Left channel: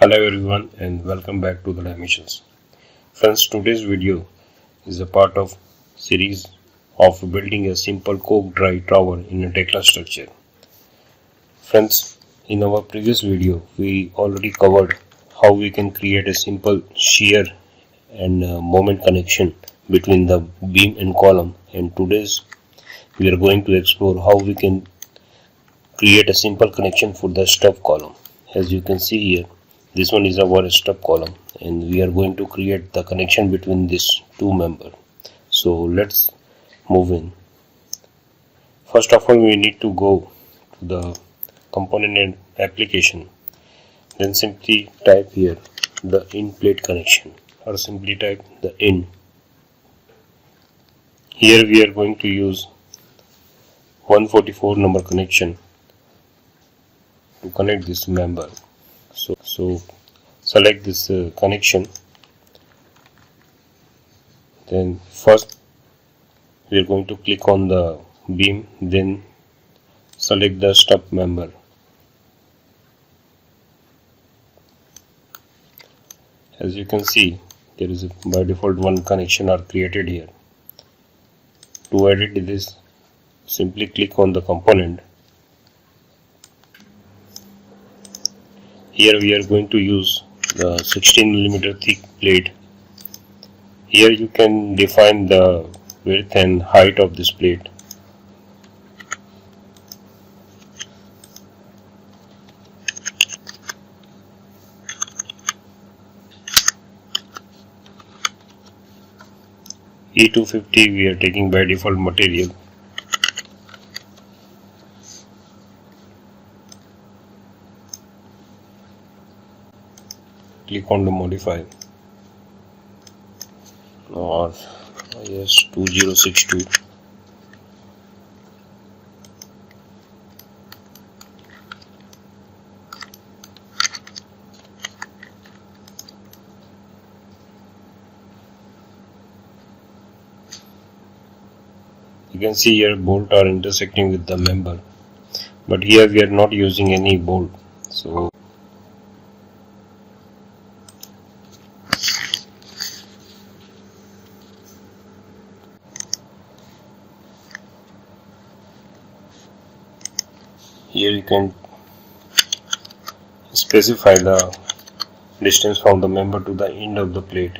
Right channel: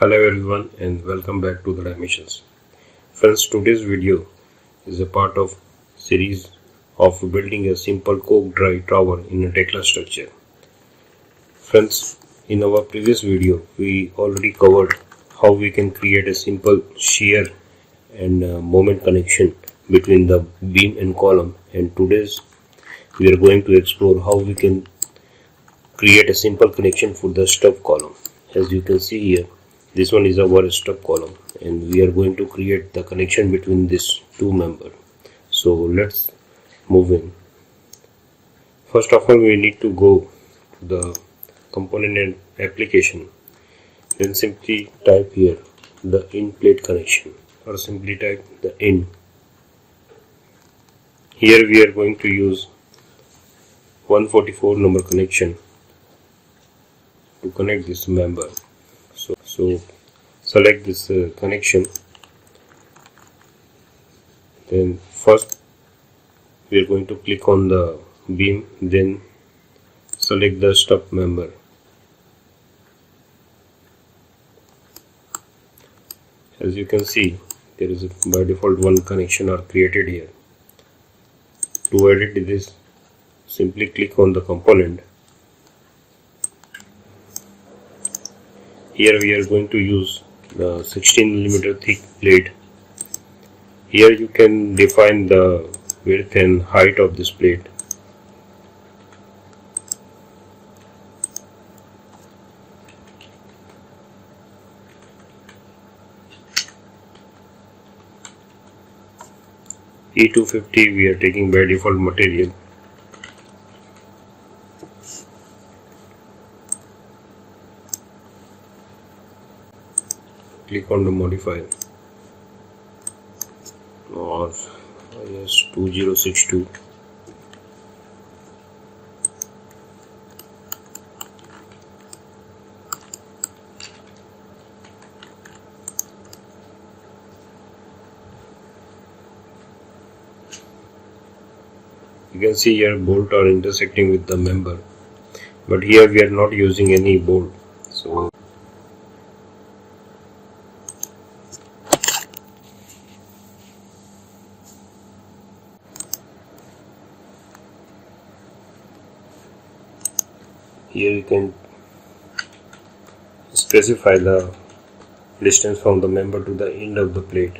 Hello everyone and welcome back to the Dimensions. Friends, today's video is a part of series of building a simple coke dry tower in a Tekla structure. Friends, in our previous video we already covered how we can create a simple shear and moment connection between the beam and column, and today's we are going to explore how we can create a simple connection for the stub column. As you can see here, this one is our stub column and we are going to create the connection between these two members. So let's move in. First of all, we need to go to the component and application, then simply type here the in plate connection, or simply type the in. Here we are going to use 144 number connection to connect this member. So select this connection. Then first we are going to click on the beam, then select the stub member. As you can see, there is by default one connection are created here. To edit this, simply click on the component. Here we are going to use the 16 mm thick plate. Here you can define the width and height of this plate. E250 we are taking by default material. Click on the modify, or yes, 2062. You can see here bolt are intersecting with the member, but here we are not using any bolt. So here you can specify the distance from the member to the end of the plate.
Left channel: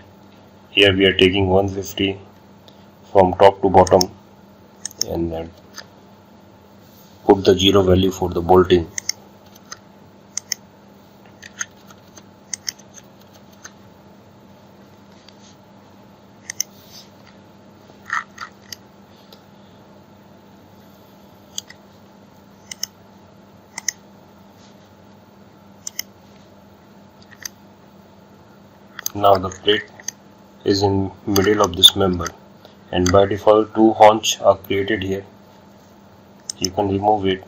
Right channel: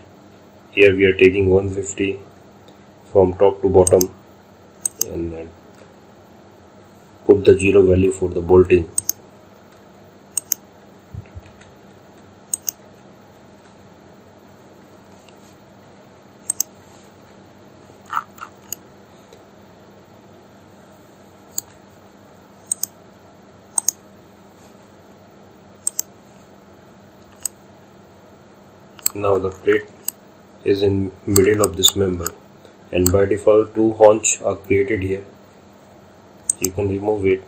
Here we are taking 150 from top to bottom, and then put the 0 value for the bolting. Now the plate is in middle of this member, and by default two haunch are created here. You can remove it.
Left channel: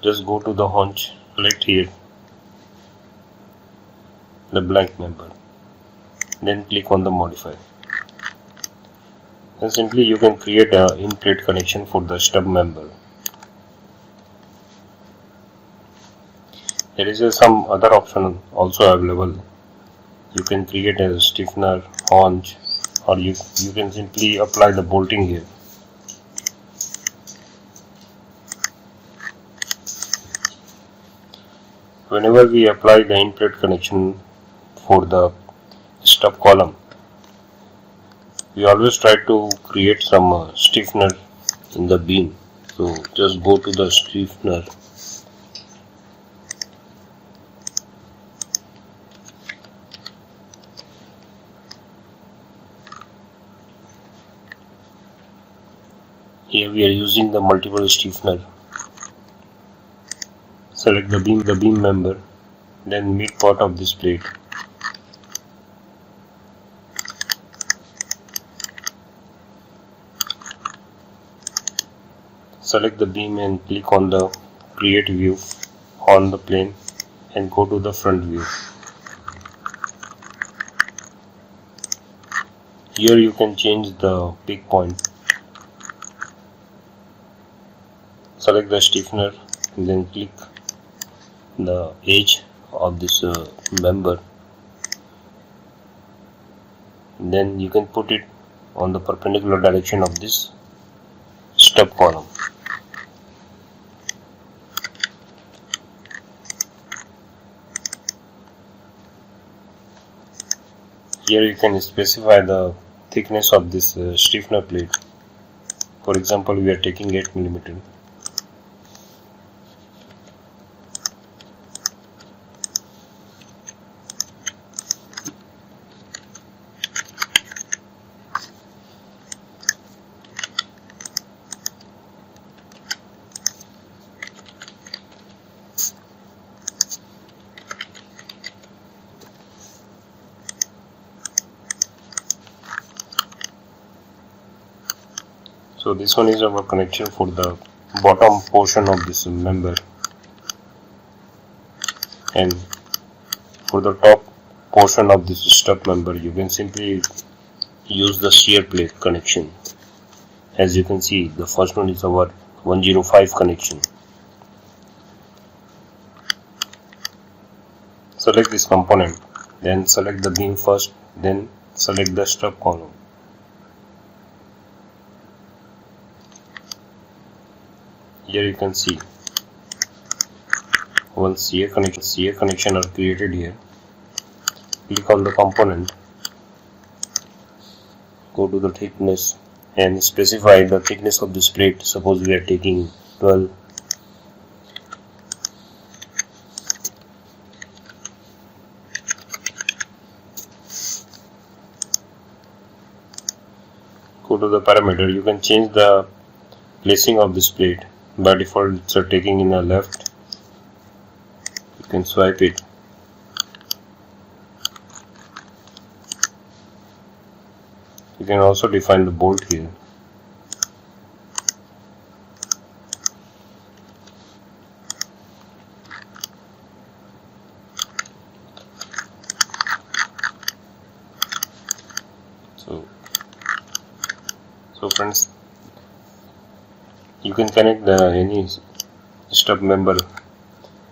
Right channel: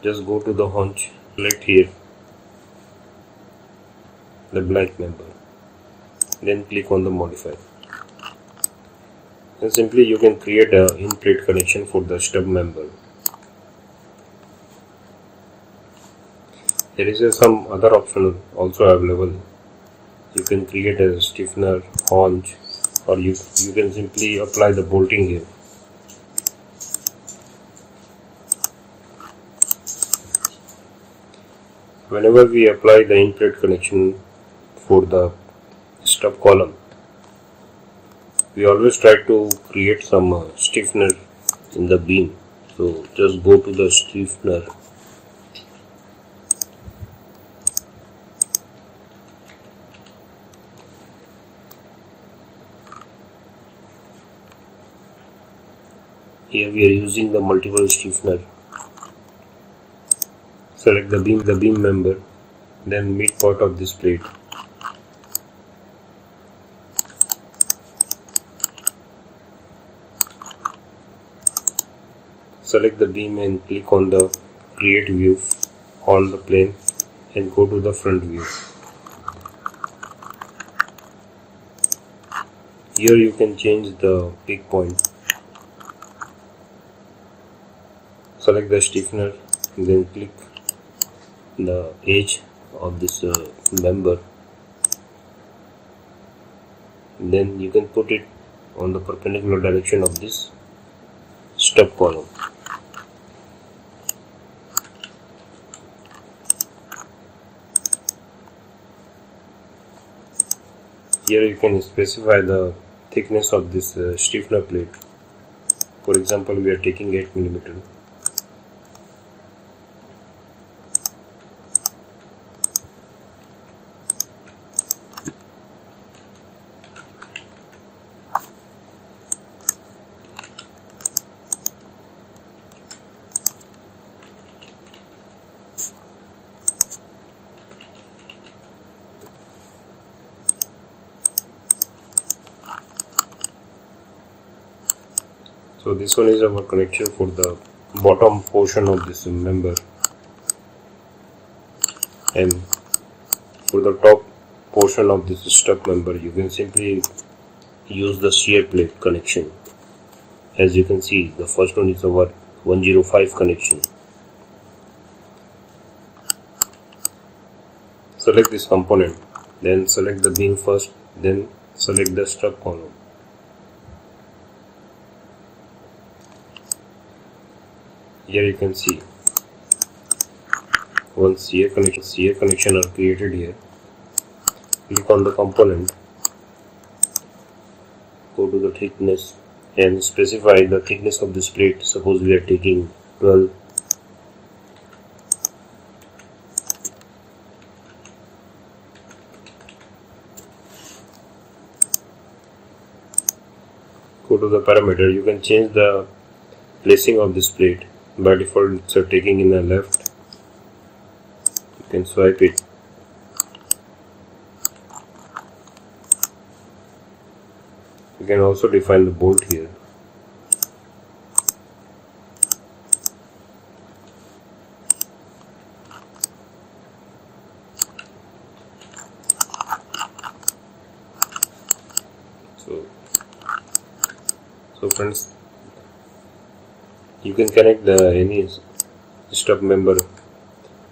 Just go to the haunch, select here the blank member, then click on the modify, and simply you can create a in plate connection for the stub member. There is some other option also available. You can create a stiffener, haunch, or you can simply apply the bolting here. Whenever we apply the in plate connection for the stub column, we always try to create some stiffener in the beam. So just go to the stiffener, here we are using the multiple stiffener. Select the beam member, then mid part of this plate. Select the beam and click on the create view on the plane and go to the front view. Here you can change the peak point. Select the stiffener and then click the edge of this member. Then you can put it on the perpendicular direction of this stub column. Here you can specify the thickness of this stiffener plate. For example, we are taking 8 mm. So this one is our connection for the bottom portion of this member, and for the top portion of this stub member you can simply use the shear plate connection. As you can see, the first one is our 105 connection. Select this component, then select the beam first, then select the stub column. Here you can see one shear connection are created here. Click on the component, go to the thickness and specify the thickness of this plate. Suppose we are taking 12. Go to the parameter. You can change the placing of this plate. By default it's taking in the left. You can swipe it. You can also define the bolt here. So friends, you can connect any stub member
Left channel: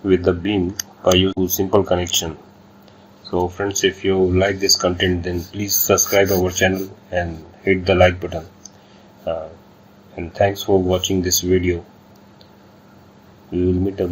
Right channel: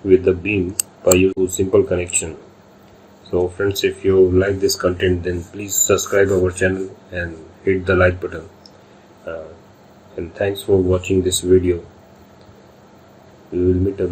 with the beam by using simple connection. So friends, if you like this content, then please subscribe our channel and hit the like button. And thanks for watching this video. We will meet again.